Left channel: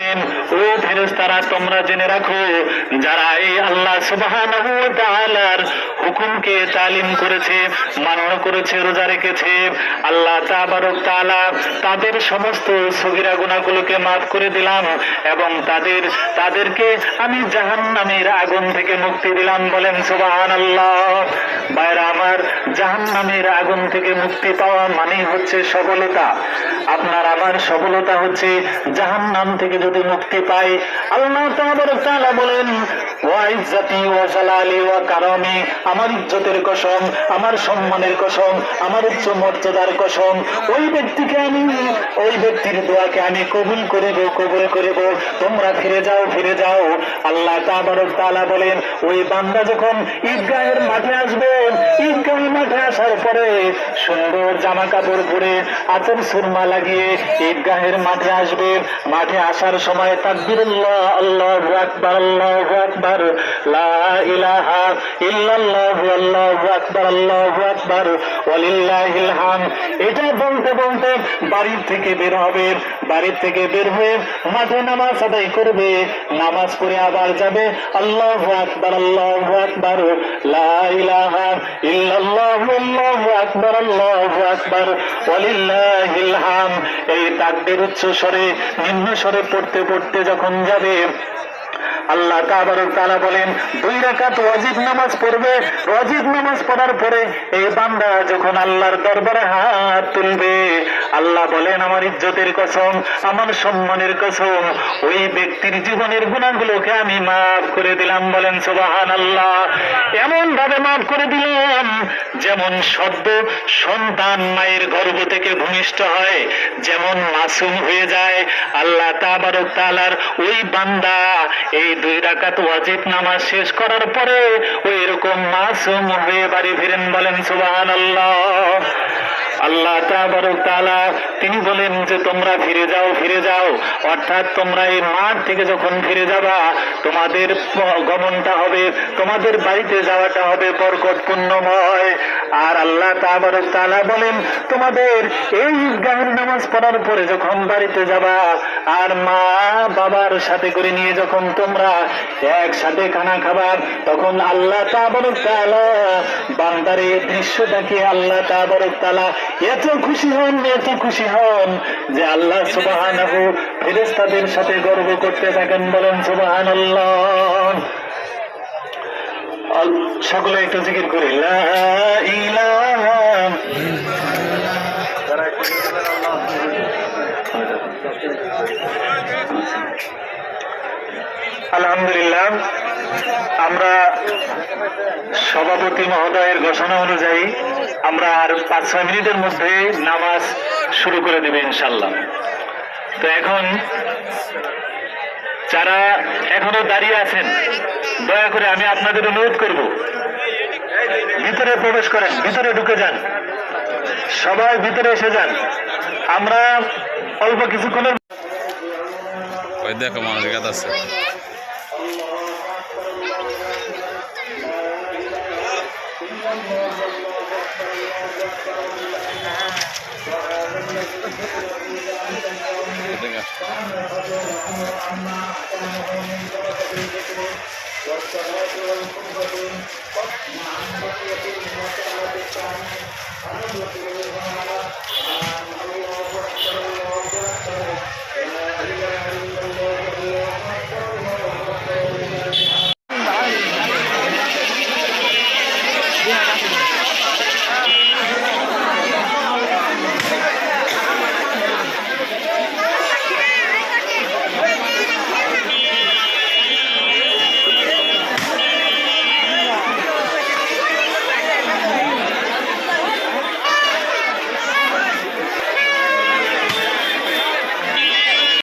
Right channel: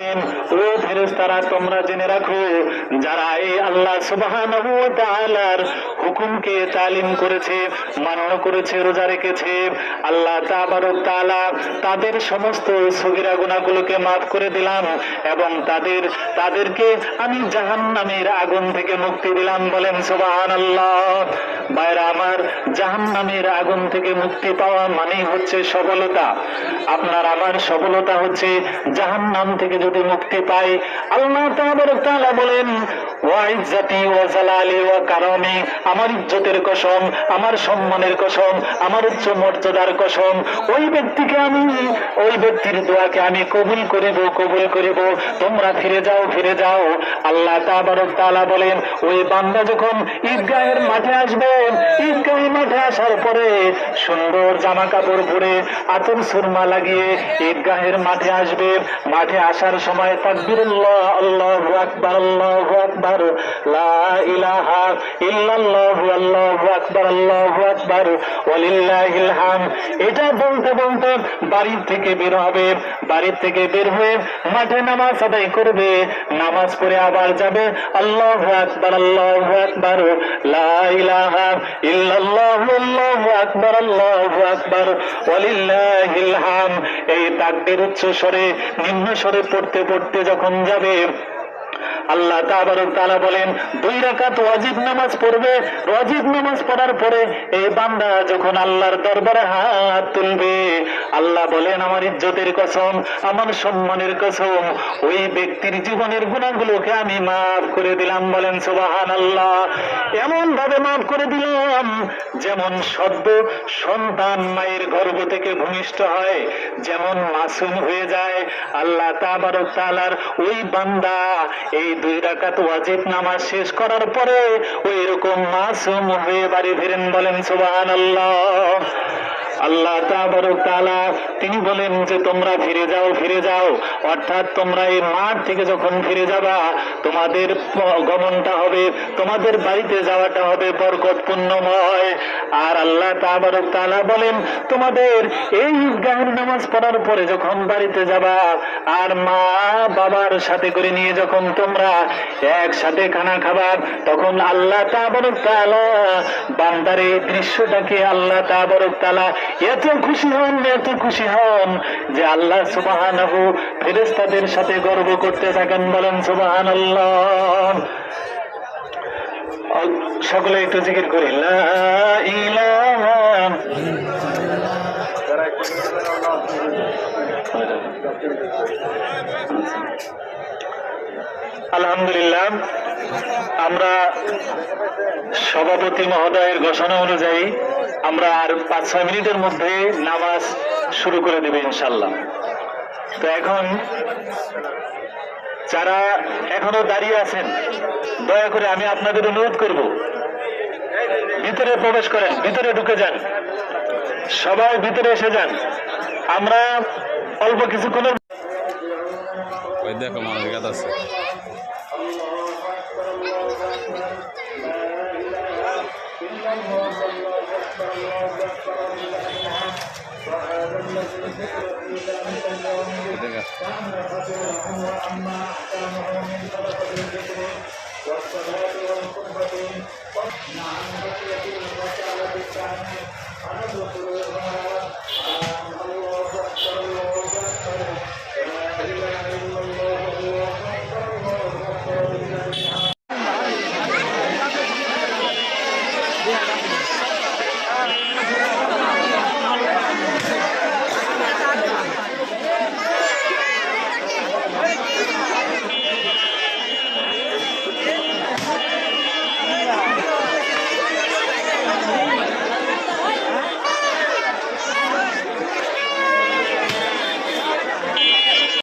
ও ফেরেশতারা, তোমরা জেনে রাখো, যারা এই আল্লাহ সুবহানাহু ওয়া তাআলার হুকুমকে তালিম করেছে, মান্য করেছে, রোজা রেখেছে, আল্লাহ তাবারক তাআলা তাদের সমস্ত সগীরা গুনাহগুলোকে মাফ করে দিলাম এবং তাদেরকে আমি জাহান্নামের আগুন থেকে মুক্তি দিলাম। বলেন সুবহানাল্লাহ। ভাইরা আমার, জাহান্নামের আগুন থেকে মুক্তি পাওয়া মানেই হচ্ছে সফলতা। আপনার আমার সফলতা হচ্ছে জাহান্নাম থেকে যদি মুক্তি পাই। আল্লাহ তাবারক তাআলা বলেন, ওয়া ইজ্জতি ওয়া জালালি ওয়া কারামি, আমার ইজ্জতের কসম, আমার সম্মানের কসম, আমার উচ্চ মর্যাদার কসম, ওই ব্যক্তির দোয়াকে আমি কবুল করিব। তোমরা ফিরে যাও। আল্লাহ তাবারক তাআলা বলেন, ওই বান্দা যখন ঈদগাহের মাঠে আসবে, ঈদগাহের মাঠে আসার পরে সুন্দর জামা কাপড় পরে আতর সুরমা লাগিয়ে ঈদগাহের মাঠে আসবে। মাঠে আসার সময় তাকবীরুল্লাহ, আল্লাহু আকবার, আল্লাহু আকবার, লা ইলাহা ইল্লাল্লাহু, আল্লাহু আকবার, আল্লাহু আকবার, ওয়ালিল্লাহিল হামদ, এটা বলতে বলতে বাড়ি থেকে বের হয়ে মাঠে নামাজ আদায় করবে। নামাজ পড়ে আবার যাবে, আল্লাহু আকবার, আল্লাহু আকবার, লা ইলাহা ইল্লাল্লাহু, আল্লাহু আকবার, আল্লাহু আকবার, ওয়ালিল্লাহিল হামদ। এই তাকবীর উচ্চ স্বরে নিম্ন স্বরে পড়তে পড়তে যখন যাবে, আল্লাহ তাবারক তাআলা বলেন, 2 রাকাত ওয়াজিব নামাজ পড়বে। ওয়াজিব নামাজ পড়ার পরে এই বান্দা যখন আল্লাহর দরবারে হাত তুলবে, আল্লাহ বলেন, আমার ইজ্জতের কসম, আমার সম্মানের কসম, ওই ব্যক্তির জীবনের গুনাহগুলোকে আমি মাফ করে দিলাম। বলেন সুবহানাল্লাহ। এমন ভাবে মাফ করে দিলাম যেমন সদ্য সন্তান মায়ের গর্ভ থেকে ভূমিষ্ঠ হয়, যেমন মাসুম হয়ে যায়। আল্লাহ তাবারক তাআলার ওই বান্দা এই 2 রাকাত ওয়াজিব নামাজ শেষ করার পরে ওই রকম মাসুম হয়ে বাড়ি ফিরেন। বলেন সুবহানাল্লাহ। আল্লাহ তাবারক তাআলা তিনি বলেন যে তোমরা ফিরে যাও, অর্থাৎ তোমরা এই মাঠ থেকে যখন ফিরে যাবা, তোমাদের গমনটা হবে, তোমাদের বাড়িতে যাওয়াটা হবে বরকতপূর্ণময়। আর আল্লাহ তাবারক তাআলা বলেন, তোমাদের এই ঈদগাহের নামাজ পড়ার পরে যখন বাড়িতে যাবা, আর মা বাবার সাথে করে নিয়ে যখন তোমরা একসাথে খানা খাবা, তখন আল্লাহ তাবারক তাআলা বান্দার এই দৃশ্যটাকে আল্লাহ তাবারক তাআলা এত খুশি হন যে আল্লাহ সুবহানাহু ফেরেশতাদের সাথে গর্ব করতে থাকেন। বলেন সুবহানাল্লাহ। সকলে একটু জিকির করি, লা ইলাহা আলহামদুলিল্লাহ। আমরা সভাপতি মহোদয়ের ঘোষণা অনুযায়ী আমরা আর 5-6 মিনিটের মধ্যে নামাজ শুরু করে দেবে ইনশাল্লাহ। তো এখন যারা এখনো দাঁড়িয়ে আছেন, দয়া করে আমি আপনাদের অনুরোধ করব, ভিতরে প্রবেশ করেন, ভিতরে ঢুকে যান, সবাই ভিতরে এসে যান। আমরা অল্প কিছুক্ষণের দেখো মানুষ গাছ আছে।